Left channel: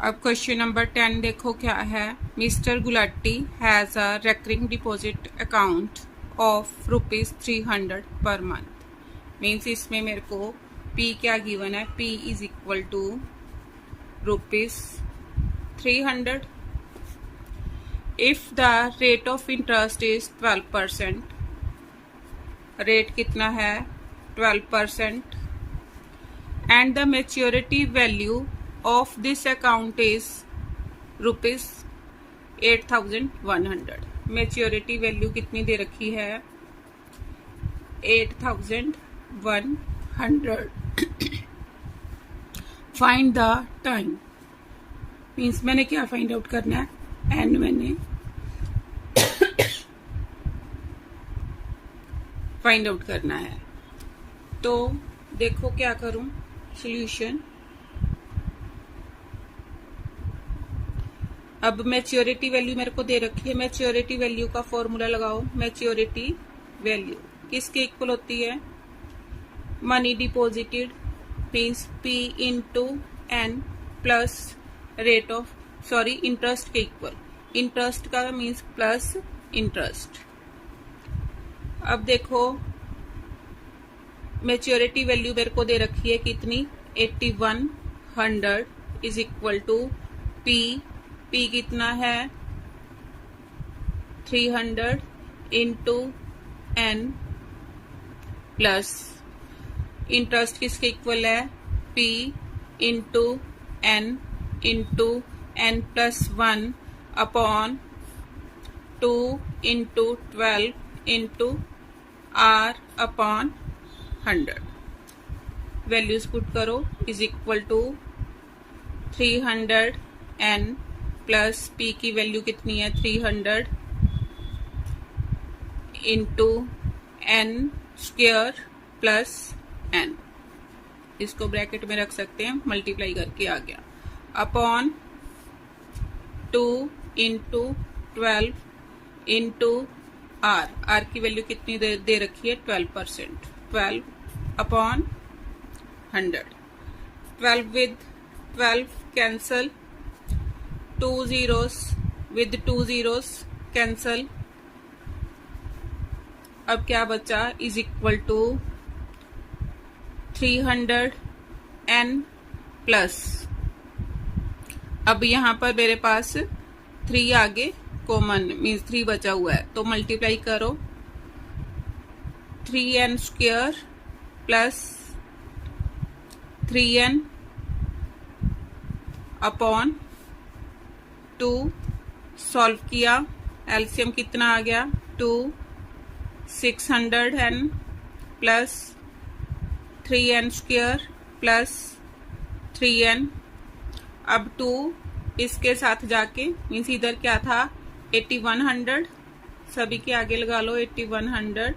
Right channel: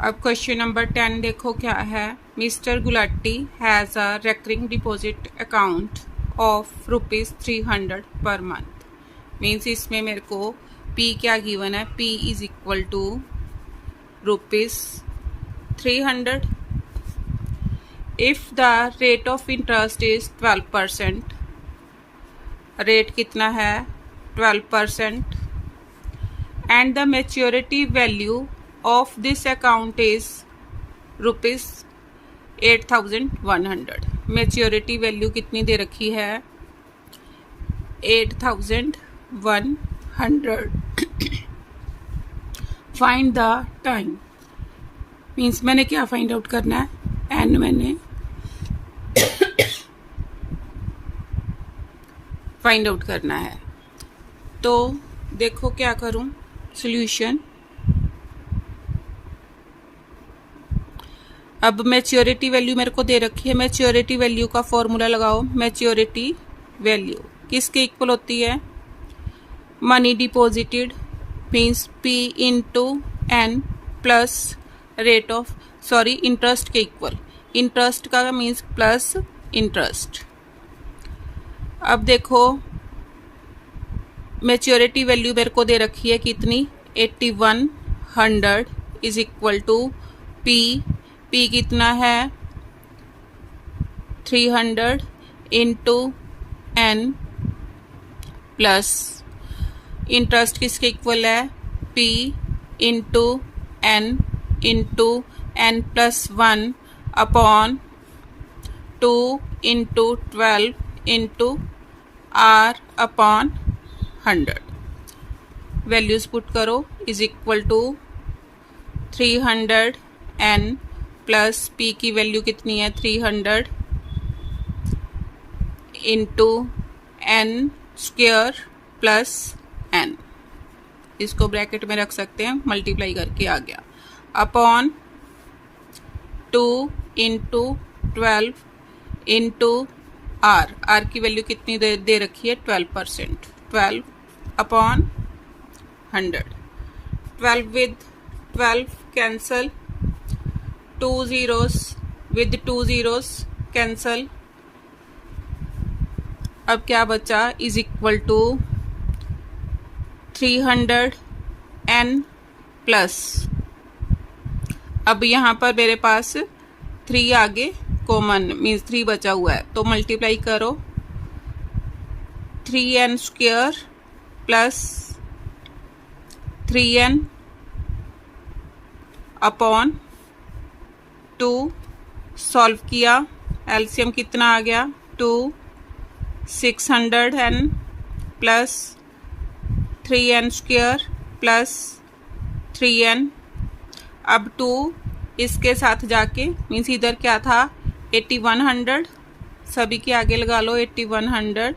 अब question number 10 देखो क्या है। Mister Gulati has a recurring deposit account of ₹300 per month. Means इसमें मेरे को P क्या गिवन है, P is equal to ₹300। If the rate of interest is 12%, rate कितना है 12%, and the maturity value of this account is ₹8,100। Maturity value कितनी दे रखी है 8,100। Find the time. मीन्स मैंने क्या फाइंड आउट करना है, एन मैंने फाइंड आउट करना है। तो देखो क्या करूं, सॉल्यूशन। अब मैच्योरिटी वैल्यू मेरे को दे रखी है, मैच्योरिटी वैल्यू का फॉर्मूला लगाओ। मैच्योरिटी वैल्यू किसके इक्वल होती है, money deposited means P into n plus rate of interest के इक्वल। इंटरेस्ट का मीन्स प्लस इंटरेस्ट। अब देखो मैच्योरिटी वैल्यू मेरे को दे रखी है कितनी 8100 इज इक्वल टू P कितना है 300 इंटू एन प्लस इंटरेस्ट किसके इक्वल है P into n plus 1 upon 2 into 12 into R upon 100। Values put करो is equal to 300 n plus P की वैल्यू कितनी है 300 into n square plus n, इसको bracket में रख सकते हैं, मल्टीप्लाई करके आ गया, अपॉन 2 इंटू 12 इंटू R की वैल्यू कितनी दे रखी है 12%, 12 upon 100। 12 with 12 cancel, 2 zeros with 2 zeros cancel. अब क्या बचा is equal to 300 n plus, अब यहाँ पर मेरे पास 3 आगे कॉमन मीन्स 3 बचा हुआ है, तो मल्टीप्लाई करो 3n square plus 3n upon 2। Solve किया, एलसीएम कितना आ गया 2, 600n plus 3n square plus 3n। अब 2 इसके साथ जाके मीन्स इधर क्या था 8100, सभी के आगे लगा लो 8100।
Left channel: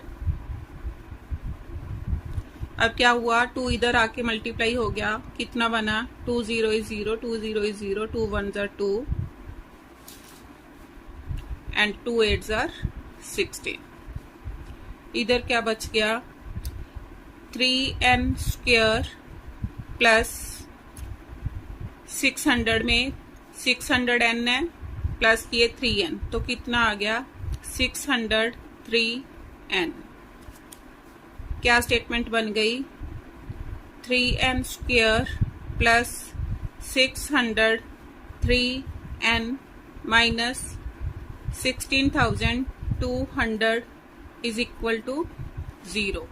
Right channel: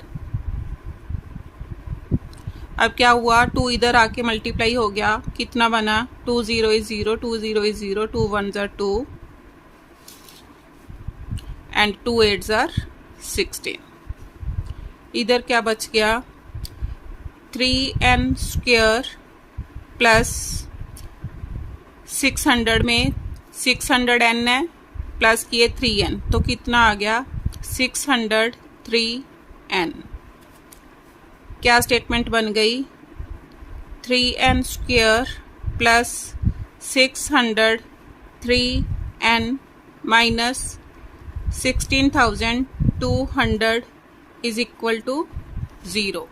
अब क्या हुआ 2 इधर आके मल्टीप्लाई हो गया, कितना बना 2 0 is 0, 2 0 is 0, 2 1s are 2 and 2 8s are 16। इधर क्या बच गया 3n स्क्वायर प्लस 600 में 600n है प्लस किए 3n, तो कितना आ गया 603n। क्या स्टेटमेंट बन गई 3n square plus 603n minus 16,200 is equal to 0।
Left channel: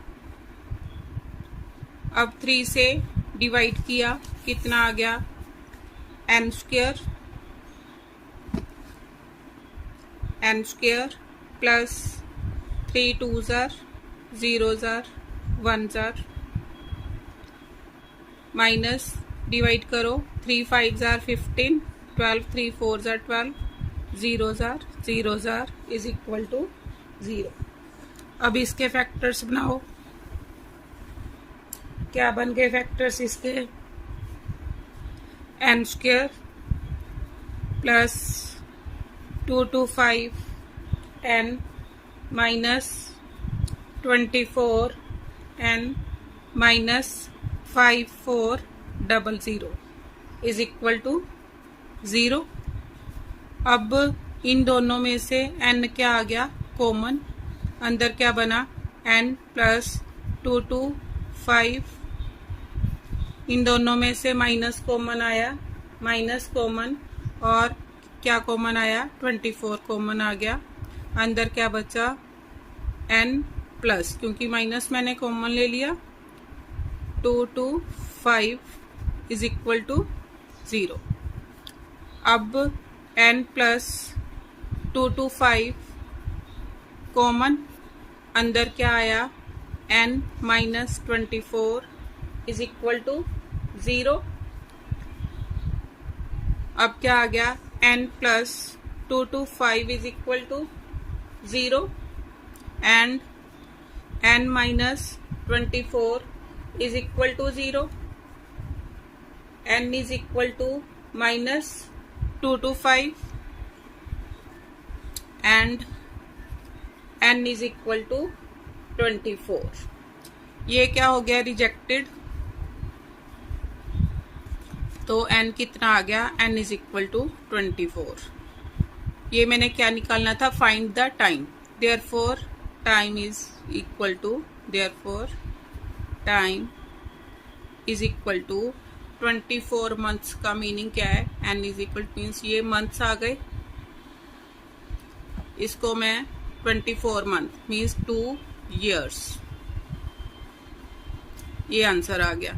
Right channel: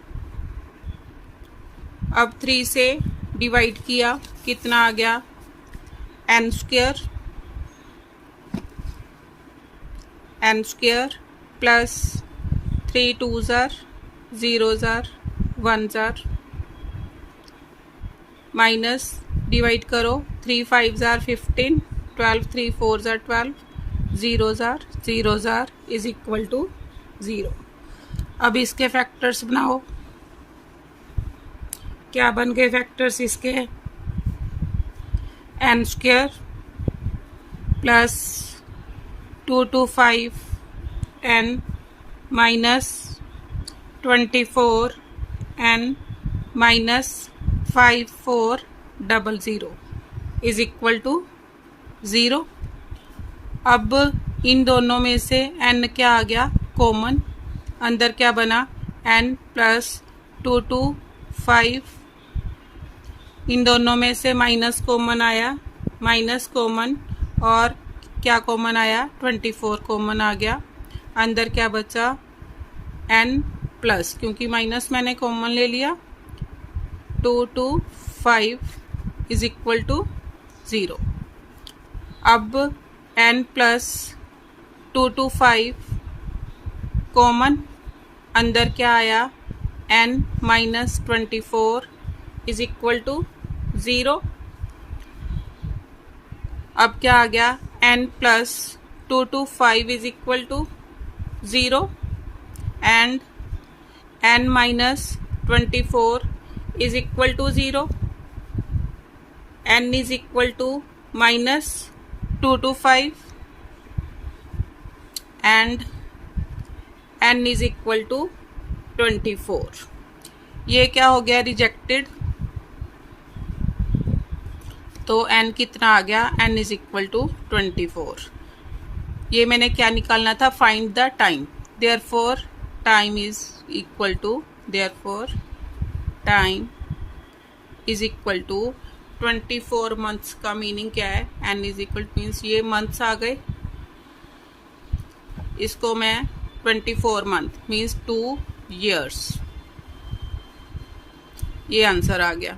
अब 3 से डिवाइड किया, कितना आ गया n square plus 3 2s are 0s are 1s are minus divide करो 3 5s are 15, 12 3 4s are 12, zeros are is equal to 0। अब इसके फैक्टर्स बनाओ, क्या बन गए फैक्टर्स इसके n square plus 2 2 5 10 minus 24 n minus 5400 is equal to 0। अब इन दोनों में से n क्या आ गया, कॉमन। अंदर क्या बना, n प्लस 2 to 5। इन दोनों में से माइनस कॉमन आया, माइनस कॉमन, और क्या कॉमन आया, 24 कॉमन आ गया। अंदर क्या बचा, n प्लस, क्योंकि माइनस मैंने कॉमन ले लिया, 2 to 5 इज इक्वल टू 0। अब n प्लस 2 to 5 कॉमन, अंदर क्या आया, n minus 24 is equal to 0। अब क्या आ गया, n plus 2 to 5 is equal to 0 and n minus 24 is equal to 0। n is equal to minus 2 to 5 and n is equal to 24। ये क्या हो गया, रिजेक्टेड। तो n कितना आ गया, n इज इक्वल टू 24। ये मैंने क्या निकालना था, find the time. Therefore time is equal to, therefore time is equal to 24 months का मीनिंग क्या है, n is equal to means ये मंथ्स आ गए, इसको मैं 24 मंथ मीन्स 2 years, ये आंसर आ गया।